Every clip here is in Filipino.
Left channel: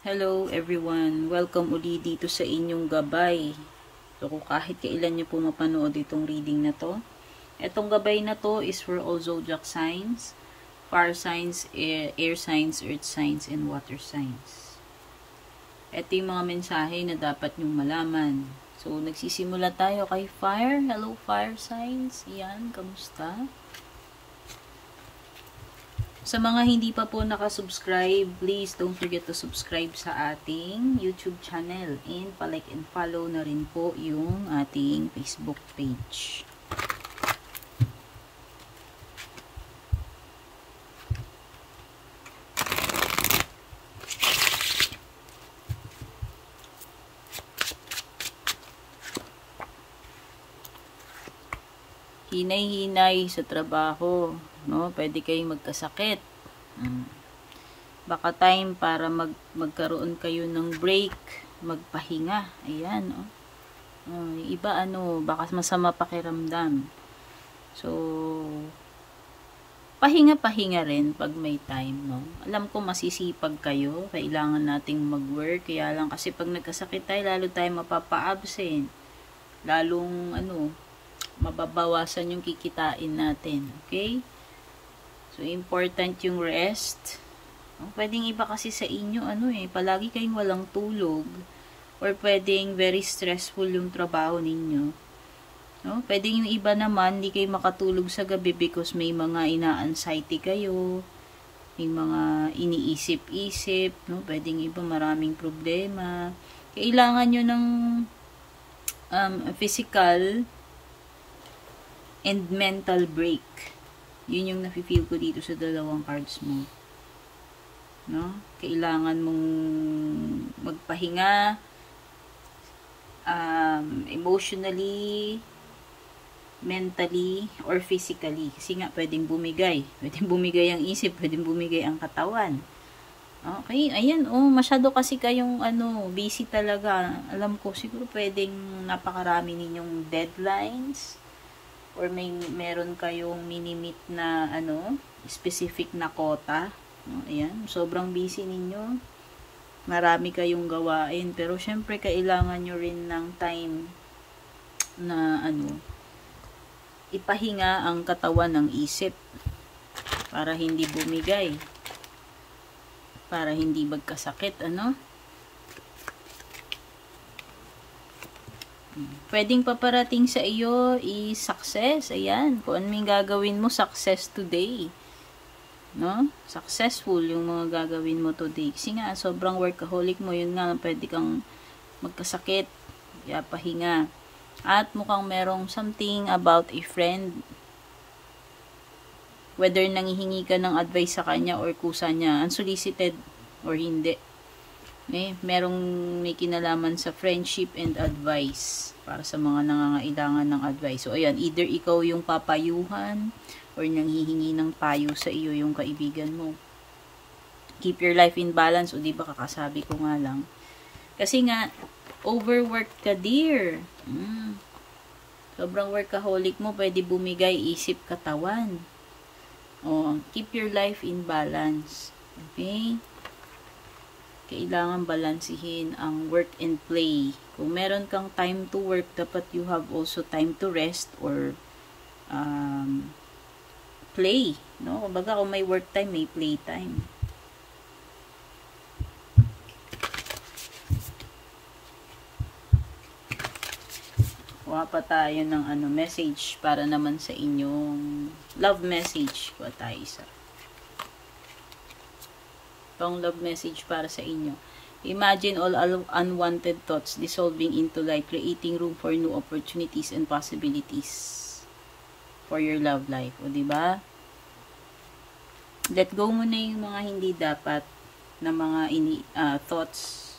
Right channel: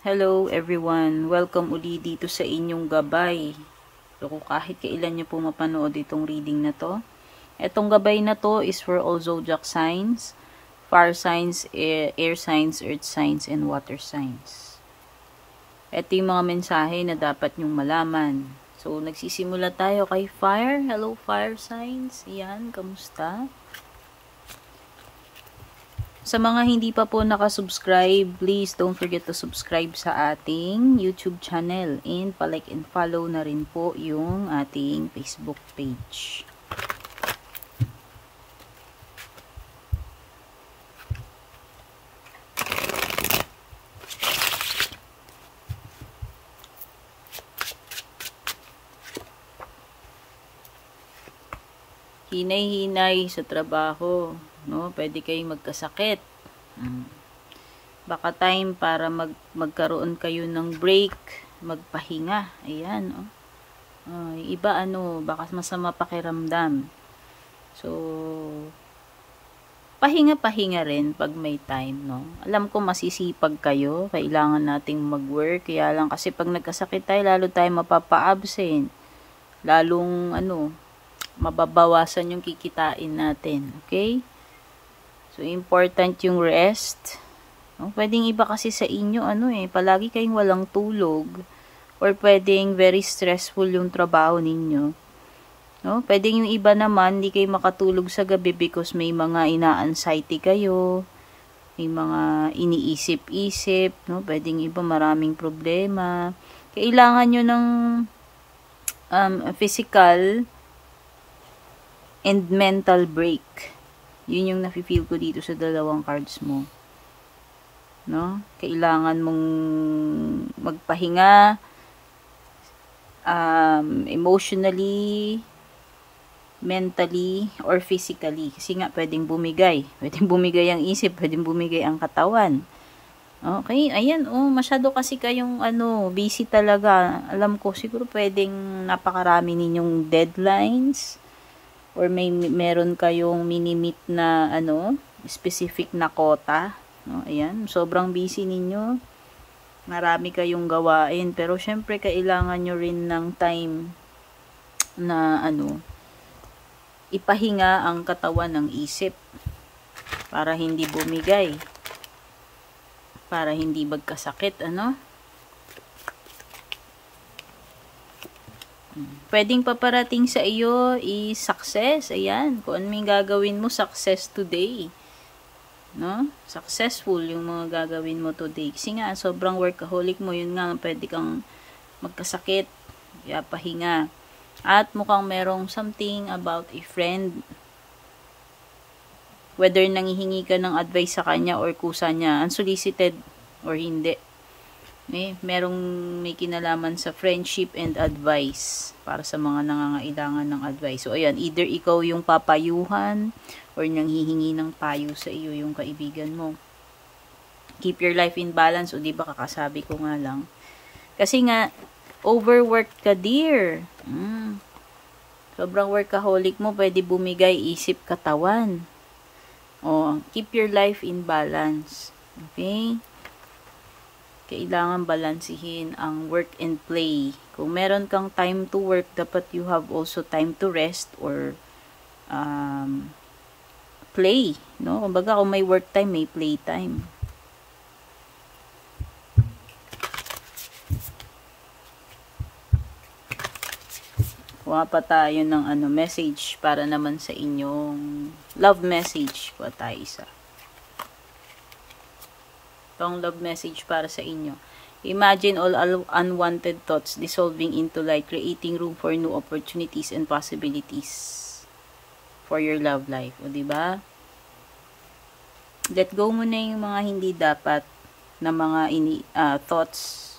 Hello everyone, welcome uli dito sa inyong gabay. So kung kahit kailan nyo po mapanood itong reading na to. Itong gabay na to is for all zodiac signs, fire signs, air signs, earth signs, and water signs. Ito yung mga mensahe na dapat nyong malaman. So nagsisimula tayo kay fire. Hello fire signs, yan, kamusta? Sa mga hindi pa po nakasubscribe, please don't forget to subscribe sa ating YouTube channel and palike and follow na rin po yung ating Facebook page. Hinay-hinay sa trabaho, no? Pwede kayong magkasakit. Baka time para magkaroon kayo ng break, magpahinga. Ayan, oh. Iba baka masama pakiramdam. So, pahinga-pahinga rin pag may time, no? Alam ko masisipag kayo, kailangan nating mag-work, kaya lang kasi pag nagkasakit tayo, lalo tayo mapapa-absent. Lalong, mababawasan yung kikitain natin. Okay? So, important yung rest. Pwedeng iba kasi sa inyo, palagi kayong walang tulog. Or pwedeng very stressful yung trabaho ninyo. No? Pwedeng yung iba naman, hindi kayo makatulog sa gabi because may mga ina-anxiety kayo. May mga iniisip-isip. No? Pwedeng iba maraming problema. Kailangan nyo ng physical and mental break. Yun yung nafe-feel ko dito sa dalawang cards mo. No? Kailangan mong magpahinga emotionally, mentally, or physically. Kasi nga, pwedeng bumigay. Pwedeng bumigay ang isip, pwedeng bumigay ang katawan. Okay, ayan, masyado kasi kayong, busy talaga. Alam ko, siguro pwedeng napakarami ninyong deadlines, or meron kayong minimit na specific na quota, no? Ayan, sobrang busy ninyo. Marami kayong gawain, pero syempre kailangan nyo rin ng time na ipahinga ang katawan ng isip para hindi bumigay, para hindi magkasakit, Pwedeng paparating sa iyo is success. Ayan. Kung ano yung gagawin mo, success today. No? Successful yung mga gagawin mo today. Kasi nga, sobrang workaholic mo. Yun nga, pwede kang magkasakit. Kaya pahinga. At mukhang merong something about a friend. Whether nanghihingi ka ng advice sa kanya or kusa niya, unsolicited or hindi. May kinalaman sa friendship and advice para sa mga nangangailangan ng advice. So, ayan, either ikaw yung papayuhan or nanghihingi ng payo sa iyo yung kaibigan mo. Keep your life in balance. O, diba kakasabi ko nga lang. Kasi nga, overworked ka, dear. Sobrang workaholic mo, pwede bumigay isip, katawan. Keep your life in balance. Okay? Kailangan balansihin ang work and play. Kung meron kang time to work, dapat you have also time to rest or play. No? Kumbaga, kung may work time, may play time. Kuha pa tayo ng message para naman sa inyong love message. Kuha tayo isa. Itong love message para sa inyo. Imagine all unwanted thoughts dissolving into light, creating room for new opportunities and possibilities for your love life. O, diba? Let go mo na yung mga hindi dapat na mga thoughts,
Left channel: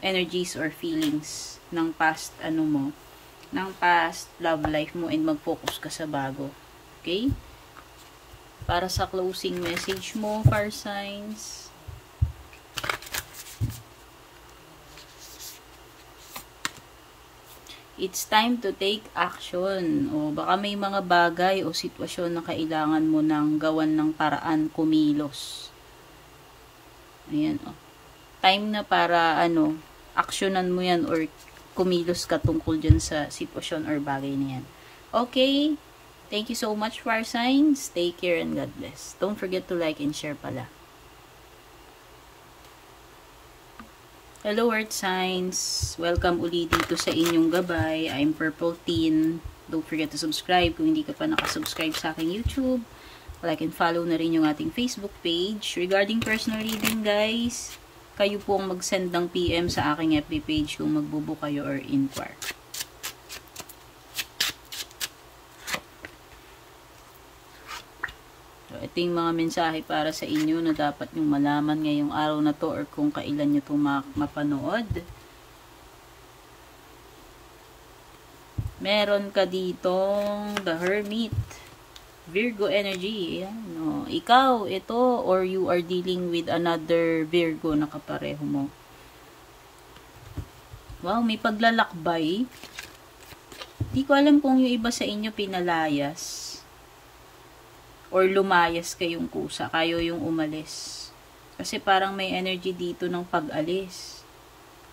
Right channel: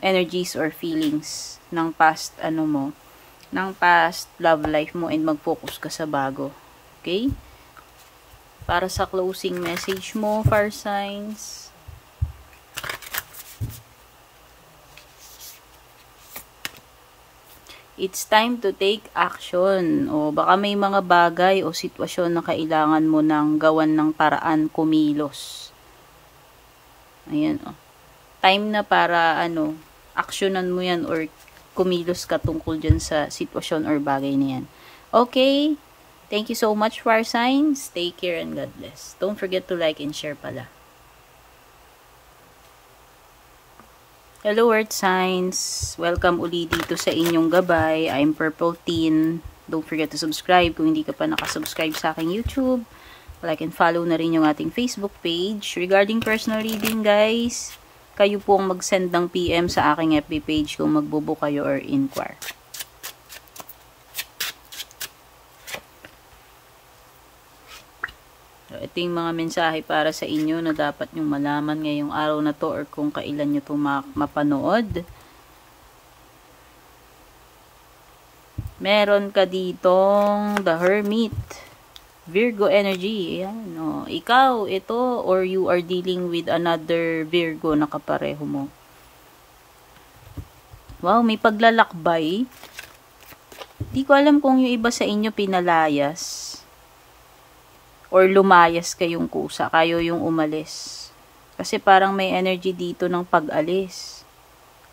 energies, or feelings ng past, ng past love life mo, and mag-focus ka sa bago. Okay? Para sa closing message mo, fire signs. It's time to take action. O baka may mga bagay o sitwasyon na kailangan mo ng gawan ng paraan, kumilos. Ayan, time na para, aksyonan mo yan or kumilos ka tungkol dyan sa sitwasyon or bagay na yan. Okay? Thank you so much, fire signs. Take care and God bless. Don't forget to like and share pala. Hello, earth signs. Welcome uli dito sa inyong gabay. I'm Purple Teen. Don't forget to subscribe kung hindi ka pa nakasubscribe sa aking YouTube. Like and follow na rin yung ating Facebook page. Regarding personal reading, guys, kayo po ang mag-send ng PM sa aking FB page kung magbubook kayo or inquire. So, ito yung mga mensahe para sa inyo na dapat nyong malaman ngayong araw na to or kung kailan nyo ito mapanood. Meron ka ditong The Hermit. Virgo energy. Ayan, no. Ikaw, ito, or you are dealing with another Virgo na kapareho mo. Wow, may paglalakbay. Di ko alam kung yung iba sa inyo pinalayas or lumayas kayong kusa, kayo yung umalis. Kasi parang may energy dito ng pag-alis.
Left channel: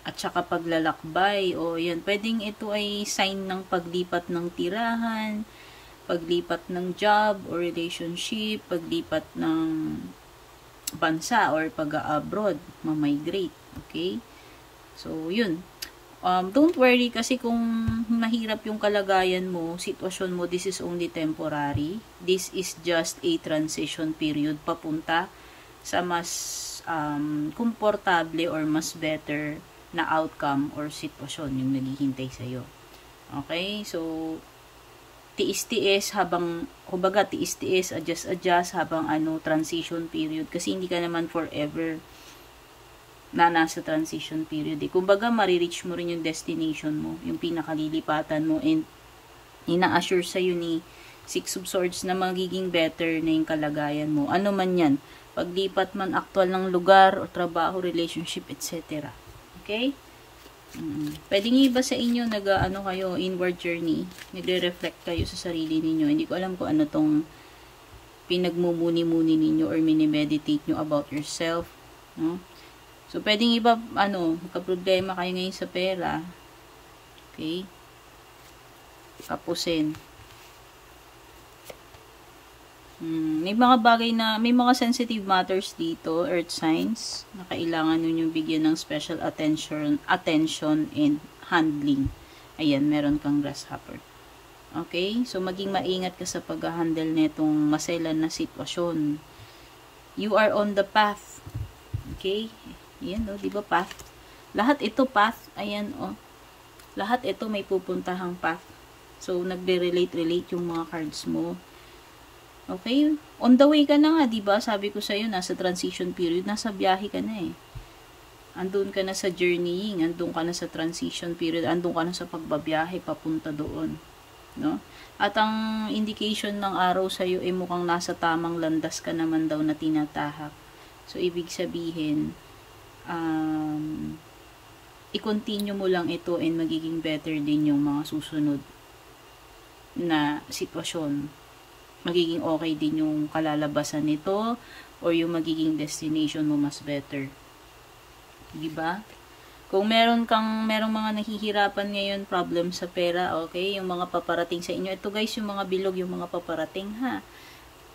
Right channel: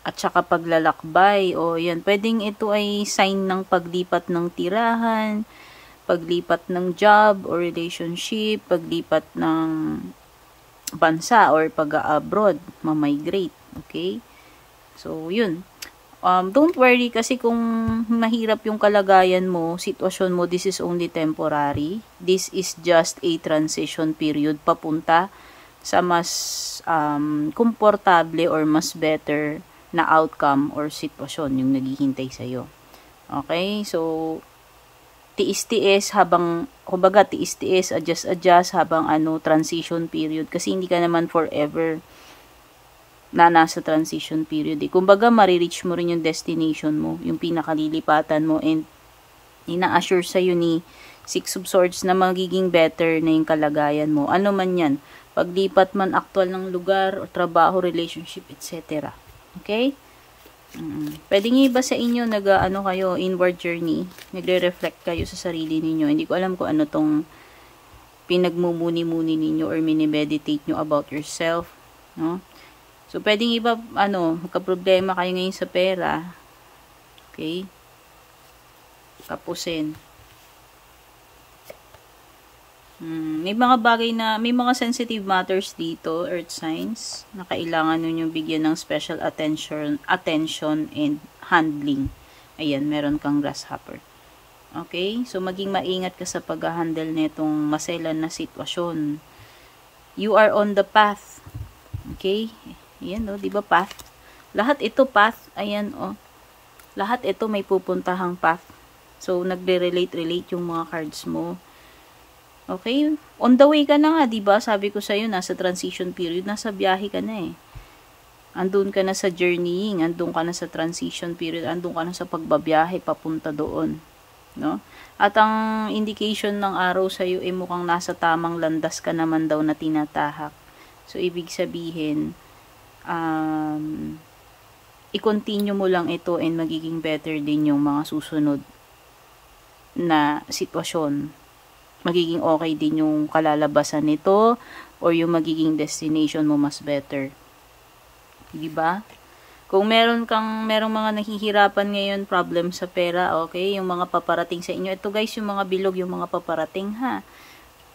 At saka paglalakbay. O yan, pwedeng ito ay sign ng paglipat ng tirahan, paglipat ng job or relationship, paglipat ng bansa or pag-abroad, ma-migrate. Okay? So, yun. Don't worry kasi kung mahirap yung kalagayan mo, sitwasyon mo, this is only temporary. This is just a transition period papunta sa mas komportable or mas better na outcome or sitwasyon yung naghihintay sa'yo. Okay? So, tiis-tiis habang, kumbaga tiis-tiis, adjust habang transition period. Kasi hindi ka naman forever na nasa transition period. Kumbaga, marireach mo rin yung destination mo, yung pinakalilipatan mo, and ina-assure sa'yo ni Six of Swords na magiging better na yung kalagayan mo. Ano man yan, paglipat man aktual ng lugar, o trabaho, relationship, etc. Okay? Pwede nyo iba sa inyo, kayo, inward journey, nagre-reflect kayo sa sarili ninyo. Hindi ko alam kung ano tong pinagmumuni-muni ninyo or mini-meditate nyo about yourself, no? So, pwedeng iba, magka-problema kayo ngayon sa pera. Okay? Tapusin. May mga bagay na, may mga sensitive matters dito, earth signs, na kailangan nyo bigyan ng special attention and handling. Ayan, meron kang grasshopper. Okay? So, maging maingat ka sa pag-handle netong maselan na sitwasyon. You are on the path. Okay? Ayan, di ba path? Lahat ito path. Ayan, lahat ito may pupuntahang path. So, nagde-relate yung mga cards mo. Okay? On the way ka na nga, di ba? Sabi ko sa'yo, nasa transition period, nasa biyahe ka na eh. Andun ka na sa journeying, andun ka na sa transition period, andun ka na sa pagbabiyahe, papunta doon. No? At ang indication ng araw sa'yo ay mukhang nasa tamang landas ka naman daw na tinatahak. So, ibig sabihin, i-continue mo lang ito and magiging better din yung mga susunod na sitwasyon. Magiging okay din yung kalalabasan nito or yung magiging destination mo mas better. Diba? Kung merong mga nahihirapan ngayon, problem sa pera, okay, yung mga paparating sa inyo. Ito guys, yung mga bilog, yung mga paparating, ha.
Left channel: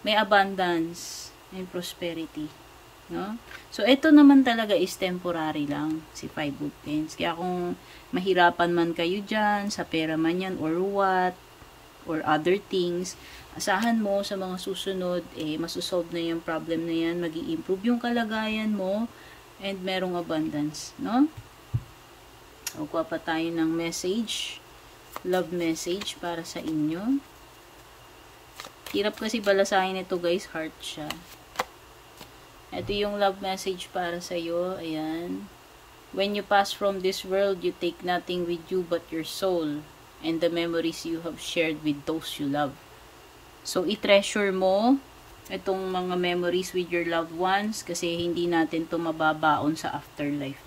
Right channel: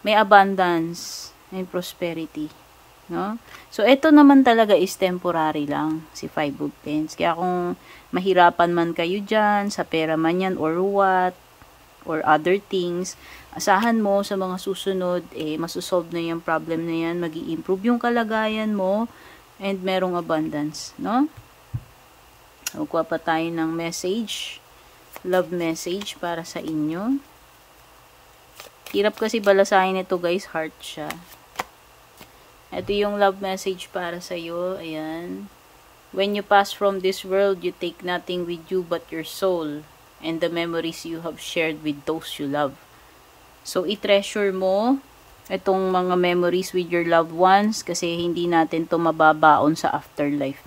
May abundance and prosperity. No? So, ito naman talaga is temporary lang, si Five of Pentacles. Kaya kung mahirapan man kayo dyan, sa pera man yan, or what, or other things, asahan mo sa mga susunod, masusolve na yung problem na yan, mag-i-improve yung kalagayan mo, and merong abundance, no? Kuha pa tayo ng message, love message para sa inyo. Hirap kasi balasahin ito guys, heart siya. Ito yung love message para sa iyo. Ayan. When you pass from this world, you take nothing with you but your soul and the memories you have shared with those you love. So, i-treasure mo itong mga memories with your loved ones kasi hindi natin to mababaon sa afterlife.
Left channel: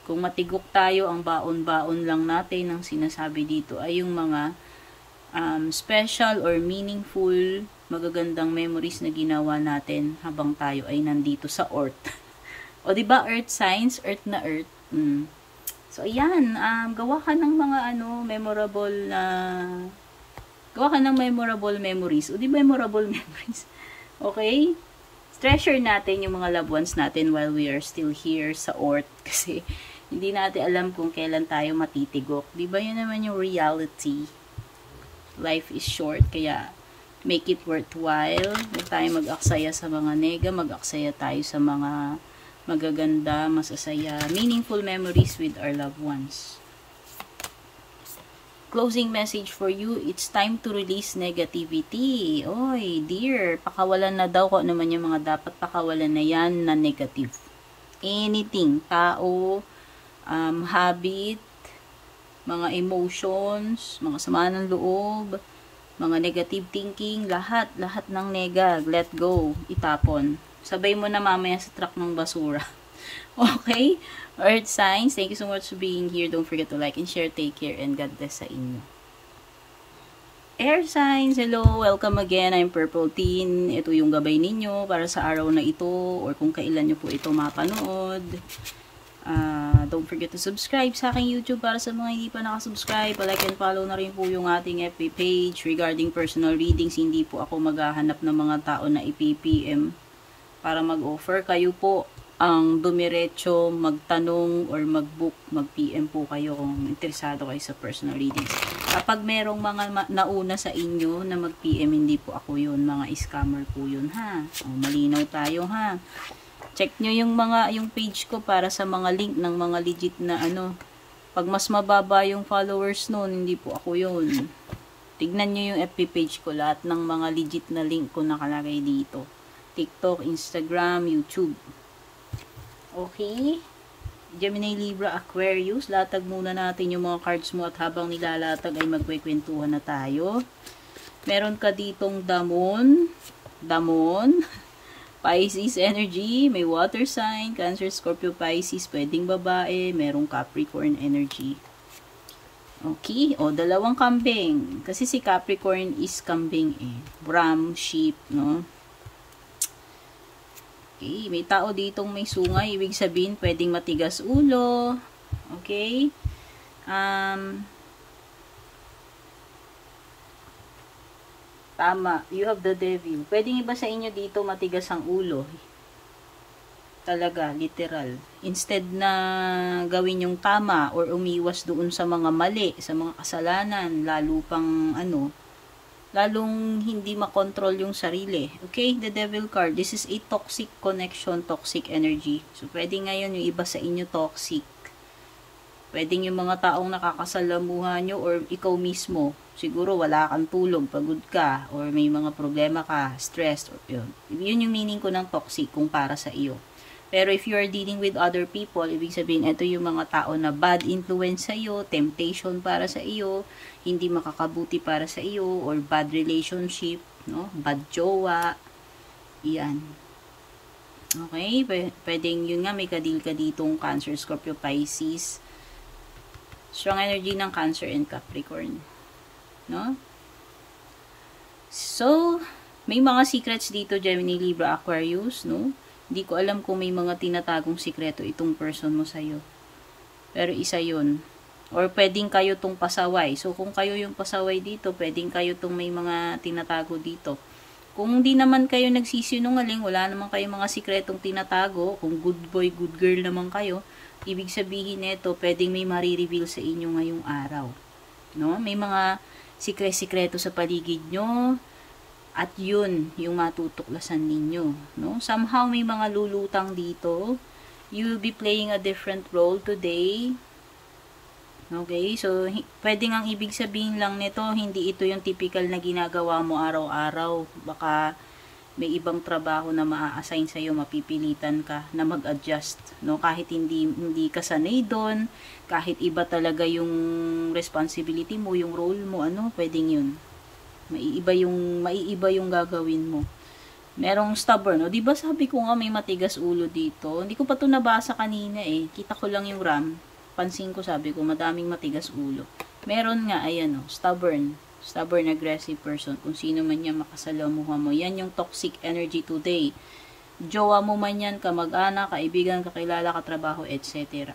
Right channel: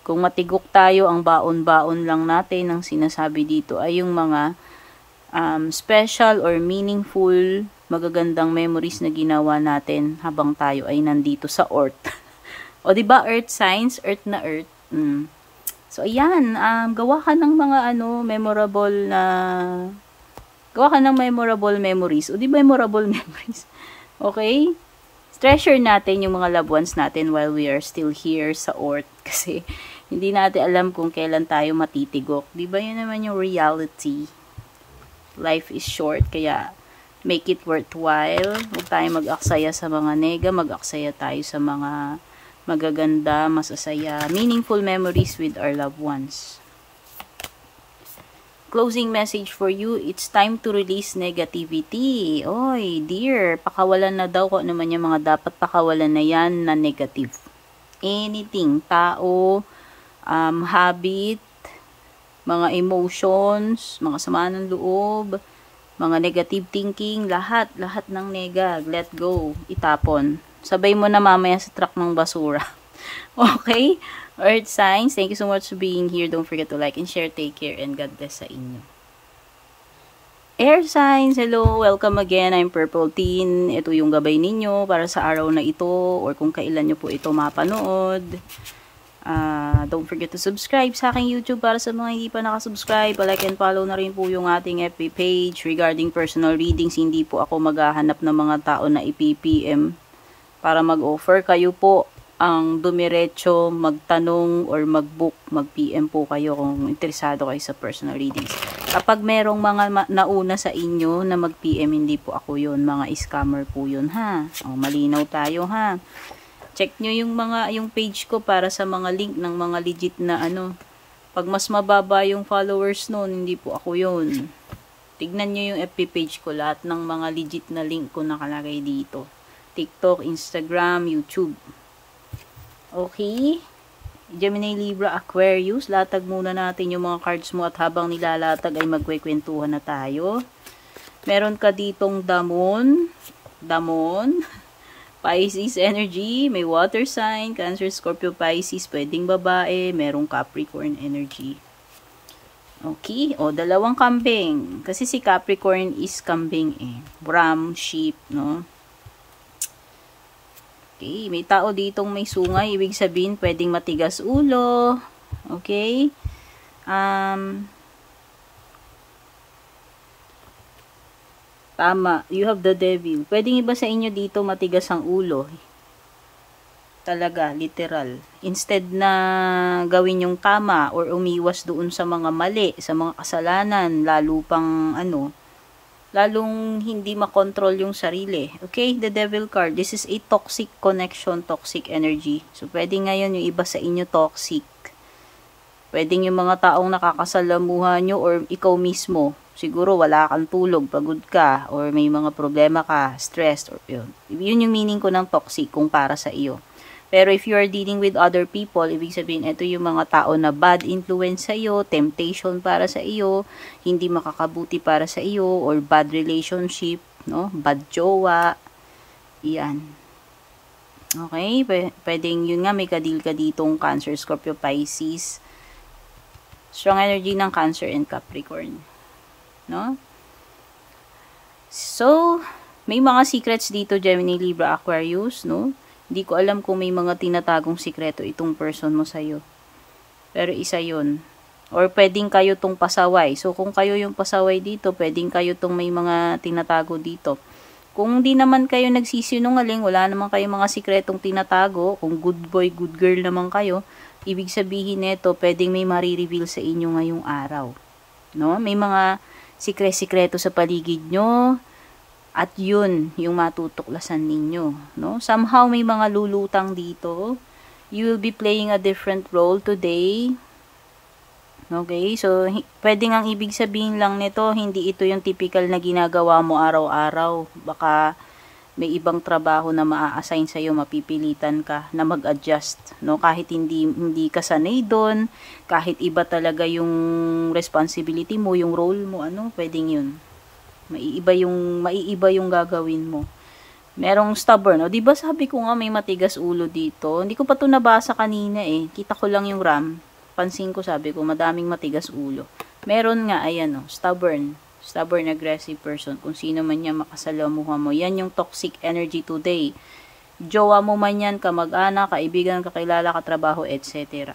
Kung matigok tayo, ang baon-baon lang natin ang sinasabi dito ay yung mga special or meaningful magagandang memories na ginawa natin habang tayo ay nandito sa earth. O, diba, earth signs, earth na earth. So, ayan, gawa ka ng mga, memorable memories. O, di memorable memories? Okay? Treasure natin yung mga loved ones natin while we are still here sa earth. Kasi, hindi natin alam kung kailan tayo matitigok. Di ba yun naman yung reality? Life is short, kaya make it worthwhile. Huwag tayo mag-aksaya sa mga nega, mag-aksaya tayo sa mga magaganda, masasaya, meaningful memories with our loved ones. Closing message for you, it's time to release negativity. Oy, dear, pakawalan na daw kung ano man yung mga dapat pakawalan na yan na negative. Anything, tao, habit, mga emotions, mga sama ng loob, mga negative thinking, lahat ng nega, let go, itapon. Sabay mo na mamaya sa truck ng basura. Okay? Earth signs, thank you so much for being here. Don't forget to like and share. Take care and God bless sa inyo. Air signs, hello, welcome again. I'm Purple Teen. Ito yung gabay ninyo para sa araw na ito or kung kailan nyo po ito mapanood. Don't forget to subscribe sa aking YouTube para sa mga hindi pa nakasubscribe. Like and follow na rin po yung ating FB page regarding personal readings. Hindi po ako maghahanap ng mga tao na ipipm para mag-offer. Kayo po ang dumiretso, magtanong or mag-book, mag-PM po kayo kung interesado kayo sa personal readings. Kapag merong mga nauna sa inyo na mag-PM, hindi po ako yun. Mga scammer po yun, ha? O, malinaw tayo, ha? Check nyo yung page ko para sa mga link ng mga legit na Pag mas mababa yung followers noon, hindi po ako yun. Tignan nyo yung FB page ko. Lahat ng mga legit na link ko nakalagay dito. TikTok, Instagram, YouTube. Okay? Gemini, Libra, Aquarius. Latag muna natin yung mga cards mo at habang nilalatag ay magkwekwentuhan na tayo. Meron ka ditong Damon. Pisces energy. May water sign. Cancer, Scorpio, Pisces. Pwedeng babae. Merong Capricorn energy. Okay. O, dalawang kambing. Kasi si Capricorn is kambing eh. Ram, sheep, no? Okay, may tao ditong may sungay, ibig sabihin pwedeng matigas ulo. Okay? Tama, you have the devil. Pwedeng iba sa inyo dito matigas ang ulo. Talaga, literal. Instead na gawin yung tama or umiwas doon sa mga mali, sa mga kasalanan, lalo pang lalong hindi makontrol yung sarili. Okay, the devil card. This is a toxic connection, toxic energy. So, pwede ngayon yung iba sa inyo toxic. Pwede yung mga taong nakakasalamuhan nyo or ikaw mismo. Siguro wala kang tulog, pagod ka, or may mga problema ka, stressed, or yun. Yun yung meaning ko ng toxic kung para sa iyo. Pero if you are dealing with other people, ibig sabihin, ito yung mga tao na bad influence sa iyo, temptation para sa iyo, hindi makakabuti para sa iyo, or bad relationship, no? Bad jowa. Yan. Okay? Pwedeng yun nga, may kadil ka ditong Cancer, Scorpio, Pisces. Strong energy ng Cancer and Capricorn. No? So, may mga secrets dito, Gemini, Libra, Aquarius, no? Hindi ko alam kung may mga tinatagong sikreto itong person mo sa'yo. Pero isa yun. Or pwedeng kayo tong pasaway. So, kung kayo yung pasaway dito, pwedeng kayo tong may mga tinatago dito. Kung hindi naman kayo nagsisinungaling, wala naman kayong mga sikretong tinatago, kung good boy, good girl naman kayo, ibig sabihin nito, pwedeng may marireveal sa inyo ngayong araw. No? May mga sikreto sa paligid nyo, at yun, yung matutuklasan ninyo, no? Somehow, may mga lulutang dito. You will be playing a different role today. Okay? So, pwedeng ang ibig sabihin lang nito, hindi ito yung typical na ginagawa mo araw-araw. Baka may ibang trabaho na maa-assign sa'yo, mapipilitan ka na mag-adjust, no? Kahit hindi ka sanay doon, kahit iba talaga yung responsibility mo, yung role mo, pwedeng yun. Maiiba yung gagawin mo. Merong stubborn. O, diba sabi ko nga may matigas ulo dito? Hindi ko pa ito nabasa kanina eh. Kita ko lang yung Ram. Pansin ko, sabi ko, madaming matigas ulo. Meron nga, ayan stubborn. Stubborn, aggressive person. Kung sino man niya makasalamuha mo. Yan yung toxic energy today. Jowa mo man yan, kamag-anak, kaibigan, kakilala, katrabaho, etc.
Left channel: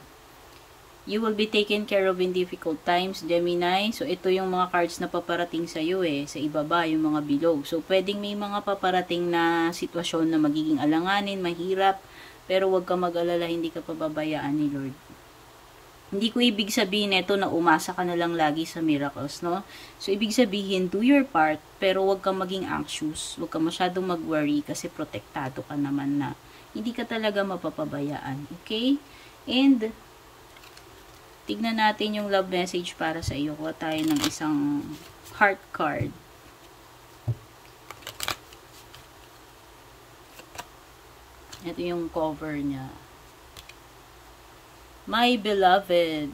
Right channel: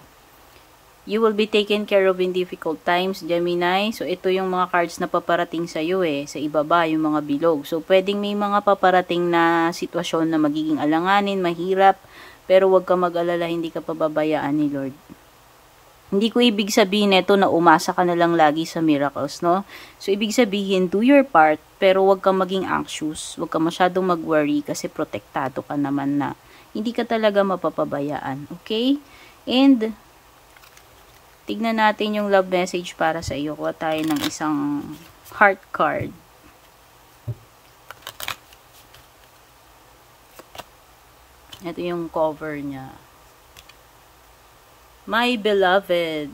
You will be taken care of in difficult times, Gemini. So, ito yung mga cards na paparating sa iyo sa ibaba, yung mga bilog. So, pwedeng may mga paparating na sitwasyon na magiging alanganin, mahirap, pero huwag ka mag-alala, hindi ka pababayaan ni Lord. Hindi ko ibig sabihin ito na umasa ka na lang lagi sa miracles, no? So, ibig sabihin, do your part, pero huwag ka maging anxious, huwag ka masyadong mag-worry kasi protektado ka naman na. Hindi ka talaga mapapabayaan, okay? And, tignan natin yung love message para sa iyo. Kuha tayo ng isang heart card. Ito yung cover niya. My beloved,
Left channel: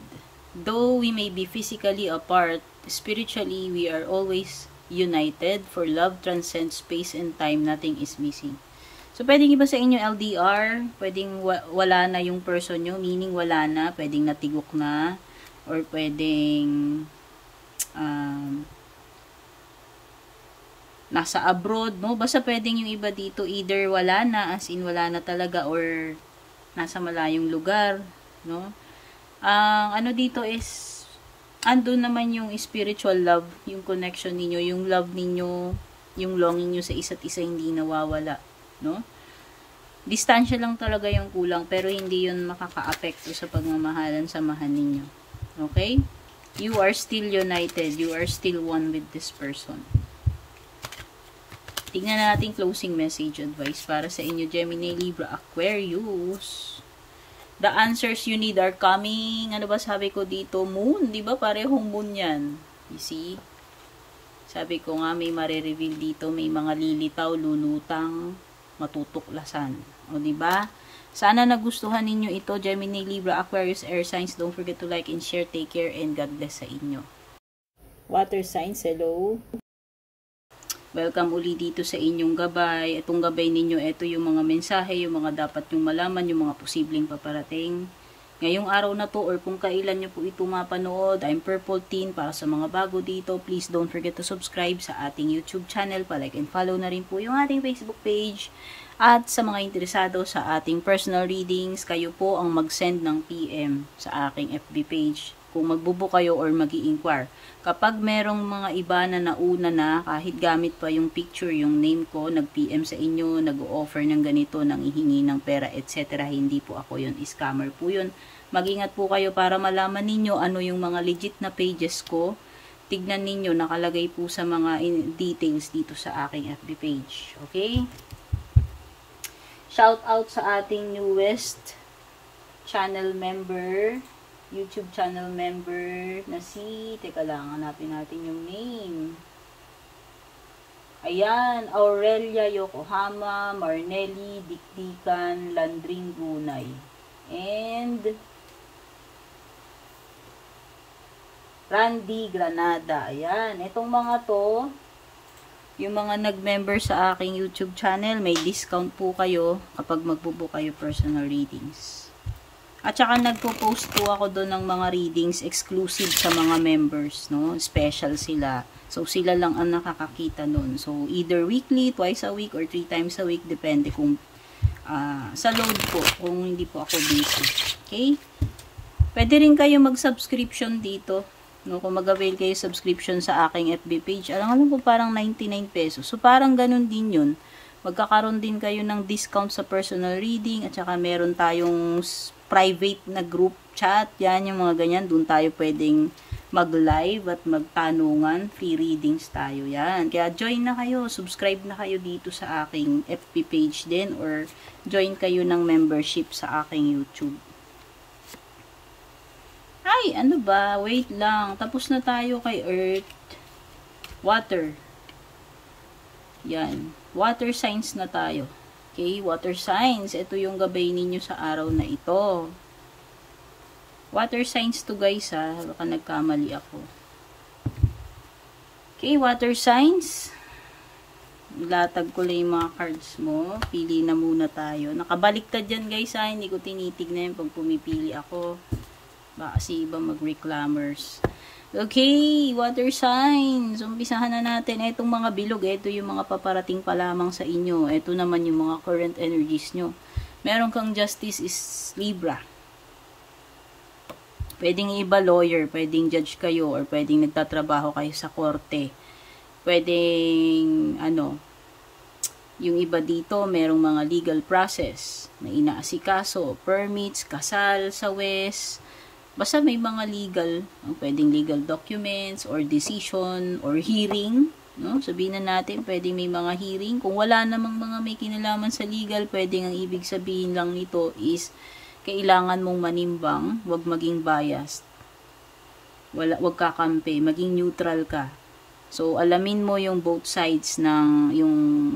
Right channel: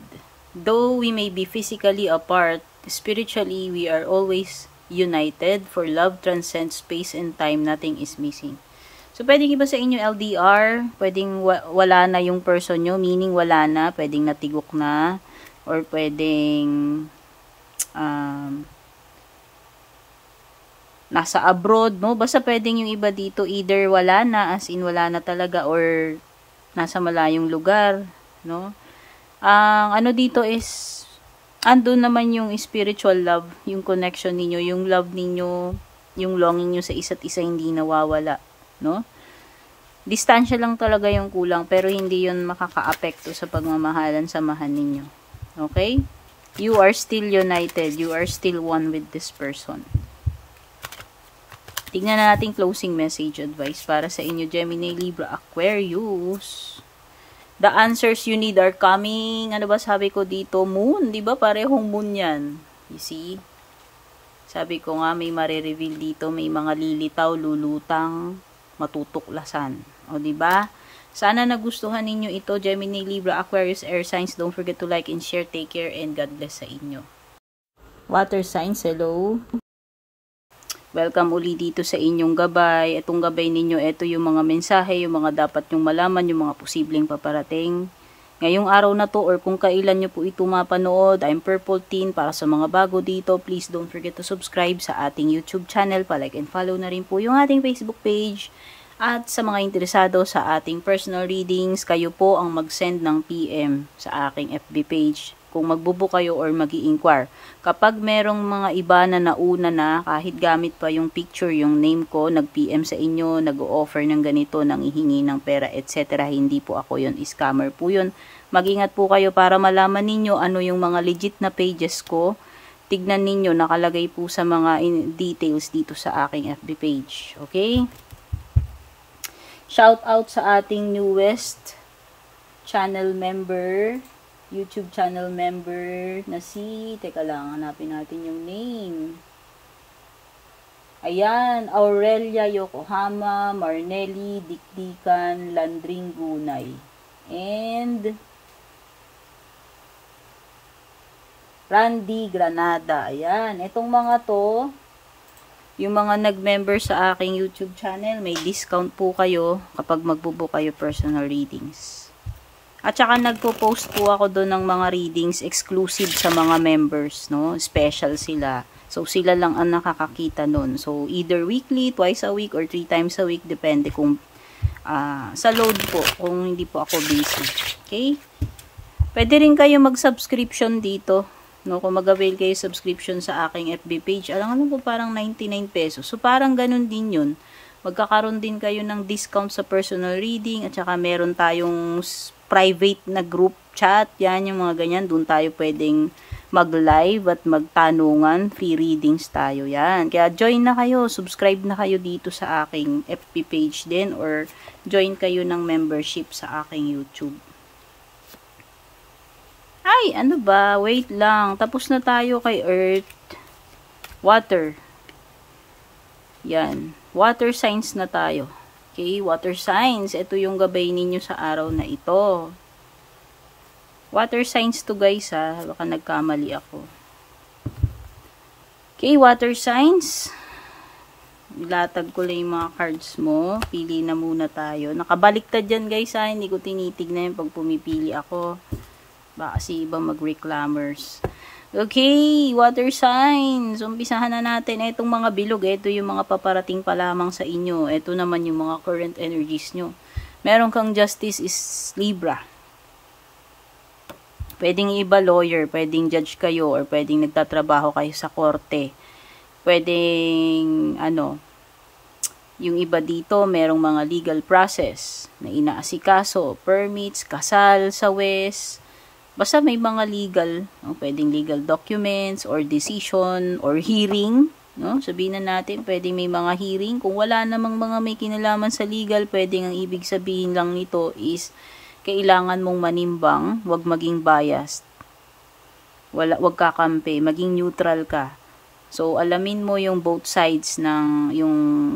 though we may be physically apart, spiritually we are always united. For love transcends space and time, nothing is missing. So, pwedeng iba sa inyo LDR, pwedeng wala na yung person nyo, meaning wala na, pwedeng natigok na, or pwedeng nasa abroad, no? Basta pwedeng yung iba dito, either wala na, as in wala na talaga, or nasa malayong lugar, no? Ang ano dito is, andun naman yung spiritual love, yung connection ninyo, yung love ninyo, yung longing nyo sa isa't isa hindi nawawala, no? Distansya lang talaga yung kulang, pero hindi yun makaka-apekto sa pagmamahalan, samahan ninyo. Okay? You are still united. You are still one with this person. Tingnan na natin closing message advice para sa inyo, Gemini, Libra, Aquarius. The answers you need are coming. Ano ba sabi ko dito? Moon. Diba? Parehong moon yan. You see? Sabi ko nga, may marireveal dito. May mga lilitaw, lulutang, matutuklasan. O, diba? Sana nagustuhan ninyo ito, Gemini, Libra, Aquarius, Air signs. Don't forget to like and share. Take care and God bless sa inyo. Water signs, hello. Welcome uli dito sa inyong gabay. Itong gabay ninyo, ito yung mga mensahe, yung mga dapat nyong malaman, yung mga posibleng paparating. Ngayong araw na to or kung kailan nyo po ito mapanood, I'm Purple Teen. Para sa mga bago dito, please don't forget to subscribe sa ating YouTube channel. Pa-like and follow na rin po yung ating Facebook page. At sa mga interesado sa ating personal readings, kayo po ang mag-send ng PM sa aking FB page kung magbubook kayo or mag-i-inquire. Kapag merong mga iba na nauna na, kahit gamit pa yung picture, yung name ko, nag-PM sa inyo, nag-o-offer ng ganito, nanghihingi ng pera, etc. Hindi po ako yun, scammer po yun. Mag-ingat po kayo para malaman ninyo ano yung mga legit na pages ko. Tignan ninyo, nakalagay po sa mga details dito sa aking FB page. Okay? Shout out sa ating newest channel member, YouTube channel member na si, teka lang, hanapin natin yung name. Ayan, Aurelia Yokohama, Marnelli, Dikdikan, Landring Gunay. And Randy Granada. Ayan, itong mga to, yung mga nag-member sa aking YouTube channel, may discount po kayo kapag magbubook kayo personal readings. At saka nagpo-post po ako doon ng mga readings exclusive sa mga members, no? Special sila. So, sila lang ang nakakakita doon. So, either weekly, twice a week, or 3 times a week. Depende kung sa load po, kung hindi po ako busy. Okay? Pwede rin kayo mag-subscription dito. No? Kung mag-avail kayo subscription sa aking FB page. Alam po, parang 99 pesos. So, parang ganun din yun. Magkakaroon din kayo ng discount sa personal reading. At saka meron tayong private na group chat, yan yung mga ganyan, doon tayo pwedeng mag-live at magtanungan, free readings tayo, yan. Kaya join na kayo, subscribe na kayo dito sa aking FB page din, or join kayo ng membership sa aking YouTube. Ay, ano ba? Wait lang, tapos na tayo kay Earth. Water. Yan, water signs na tayo. Okay, water signs. Ito yung gabay ninyo sa araw na ito. Water signs to guys ha. Baka nagkamali ako. Okay, water signs. Latag ko lang yung mga cards mo. Pili na muna tayo. Nakabaliktad dyan guys ha. Hindi ko tinitignan yung pag pumipili ako. Baka kasi iba mag-reclaimers. Okay, water signs. Umpisahan na natin. Itong mga bilog, ito yung mga paparating pa lamang sa inyo. Ito naman yung mga current energies nyo. Meron kang justice is Libra. Pwedeng iba lawyer, pwedeng judge kayo, or pwedeng nagtatrabaho kayo sa korte. Pwedeng, yung iba dito, merong mga legal process na inaasikaso, permits, kasal sa West. Basta may mga legal, pwedeng legal documents, or decision, or hearing. No? Sabihin na natin, pwedeng may mga hearing. Kung wala namang mga may kinalaman sa legal, pwedeng ang ibig sabihin lang nito is, kailangan mong manimbang, wag maging biased. Wag kakampi, maging neutral ka. So, alamin mo yung both sides ng,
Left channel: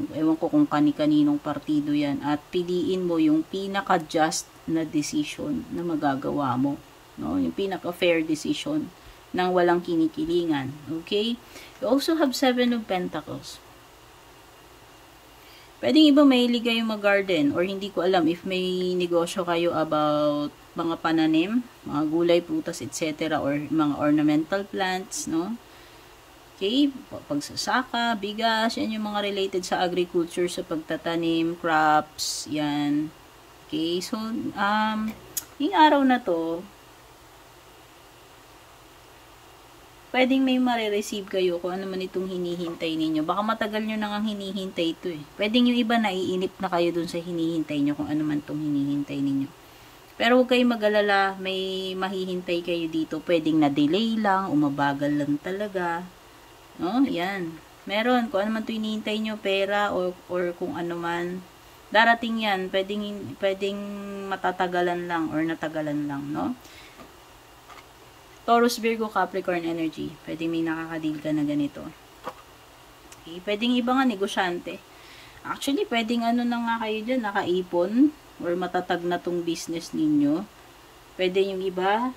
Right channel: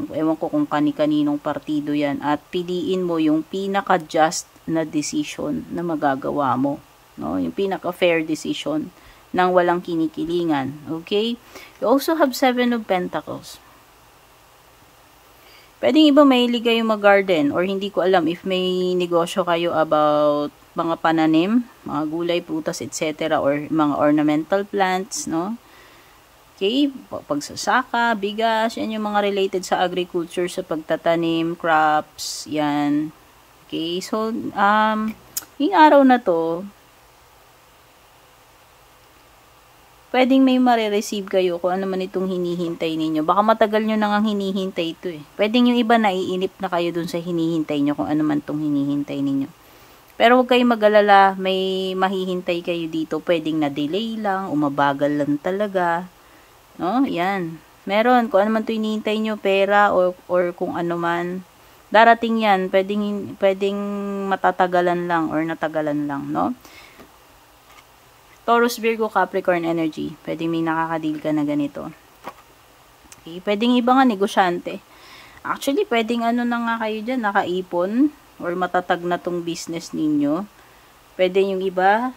ewan ko kung kani-kaninong partido yan, at piliin mo yung pinaka-just na decision na magagawa mo. No? Yung pinaka-fair decision nang walang kinikilingan. Okay? You also have 7 of Pentacles. Pwedeng iba mahilig kayo mag-garden, or hindi ko alam if may negosyo kayo about mga pananim, mga gulay, prutas, etc. or mga ornamental plants, no? Okay, pagsasaka, bigas, yan yung mga related sa agriculture, sa pagtatanim, crops, yan. Okay, so, yung araw na to, pwedeng may marireceive kayo kung ano man itong hinihintay ninyo. Baka matagal nyo nang hinihintay ito eh. Pwedeng yung iba naiinip na kayo dun sa hinihintay nyo kung ano man itong hinihintay ninyo. Pero huwag kayong mag-alala, may mahihintay kayo dito. Pwedeng na-delay lang, umabagal lang talaga. No? Yan. Meron, kung ano man ito hinihintay nyo, pera or kung ano man. Darating yan, pwedeng matatagalan lang or natagalan lang, no? Taurus, Virgo, Capricorn energy. Pwedeng may nakakadil ka na ganito. Okay, pwedeng iba nga negosyante. Actually, pwedeng na nga kayo dyan, nakaipon or matatag na tong business ninyo. Pwede yung iba,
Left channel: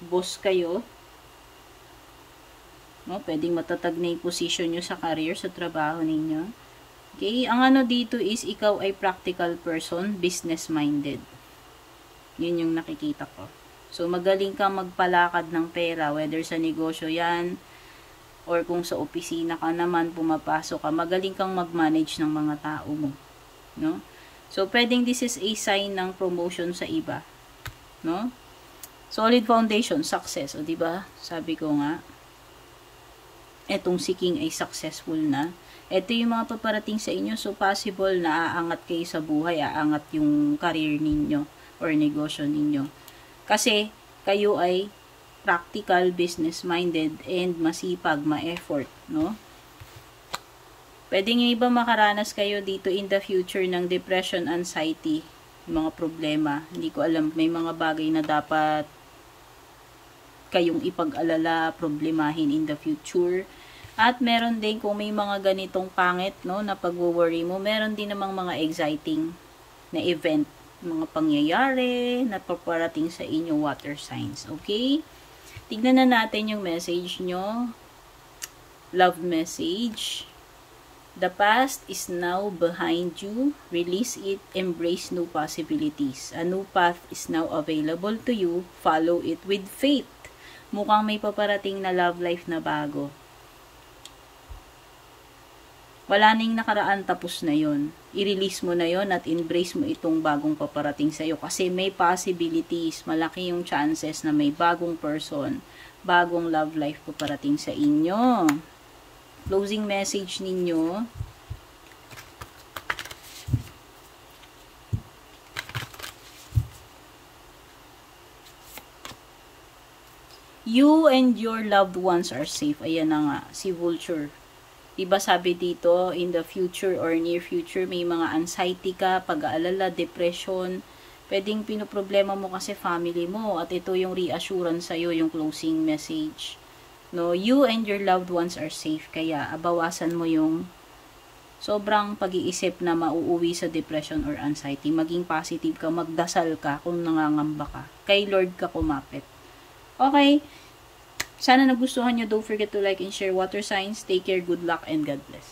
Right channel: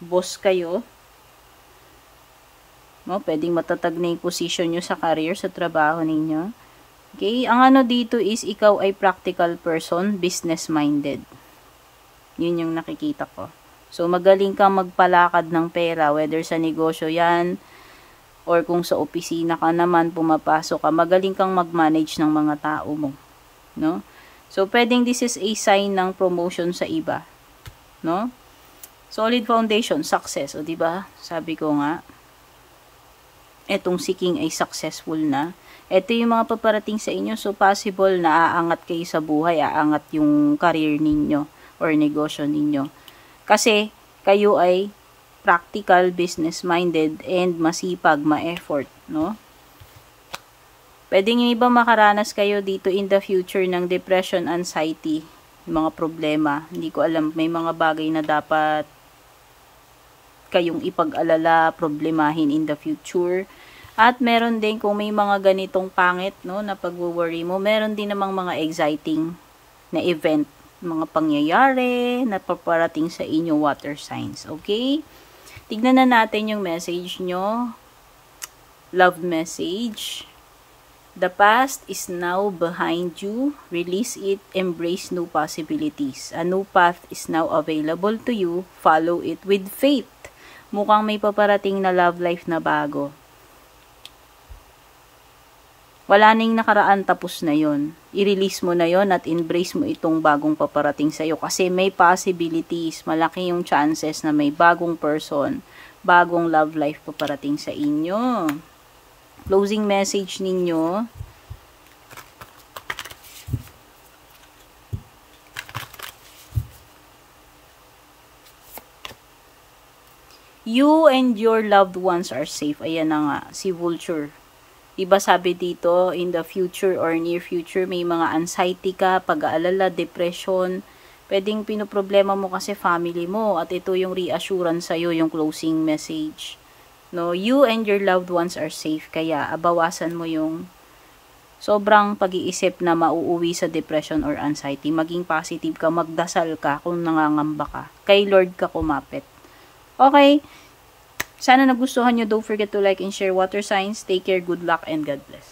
boss kayo. No, pwedeng matatag na yung position nyo sa career, sa trabaho ninyo. Okay, ang dito is ikaw ay practical person, business-minded. Yun yung nakikita ko. So, magaling kang magpalakad ng pera, whether sa negosyo yan, or kung sa opisina ka naman, pumapasok ka, magaling kang mag-manage ng mga tao mo. No? So, pwedeng this is a sign ng promotion sa iba. No? Solid foundation, success. O, diba? Sabi ko nga, etong seeking ay successful na. Ito yung mga paparating sa inyo. So, possible na aangat kayo sa buhay, aangat yung career ninyo or negosyo ninyo. Kasi, kayo ay practical, business-minded, and masipag, ma-effort, no? Pwedeng iba makaranas kayo dito in the future ng depression, anxiety, mga problema. Hindi ko alam, may mga bagay na dapat kayong ipag-alala, problemahin in the future. At meron din, kung may mga ganitong pangit, no, na pag-worry mo, meron din namang mga exciting na event, mga pangyayari na paparating sa inyo, water signs. Okay? Tignan na natin yung message nyo. Love message. The past is now behind you. Release it. Embrace new possibilities. A new path is now available to you. Follow it with faith. Mukhang may paparating na love life na bago. Wala nang nakaraan, tapos na yon. I-release mo na yon at embrace mo itong bagong paparating sa iyo kasi may possibilities, malaki yung chances na may bagong person, bagong love life paparating sa inyo. Closing message ninyo. You and your loved ones are safe. Ayan na nga, si Vulture. Diba sabi dito, in the future or near future, may mga anxiety ka, pag-aalala, depression. Pwedeng pinoproblema mo kasi family mo. At ito yung reassurance sa'yo, yung closing message. No, you and your loved ones are safe. Kaya, bawasan mo yung sobrang pag-iisip na mauuwi sa depression or anxiety. Maging positive ka, magdasal ka kung nangangamba ka. Kay Lord ka kumapit. Okay. Sana nagustuhan nyo. Don't forget to like and share water signs. Take care, good luck, and God bless.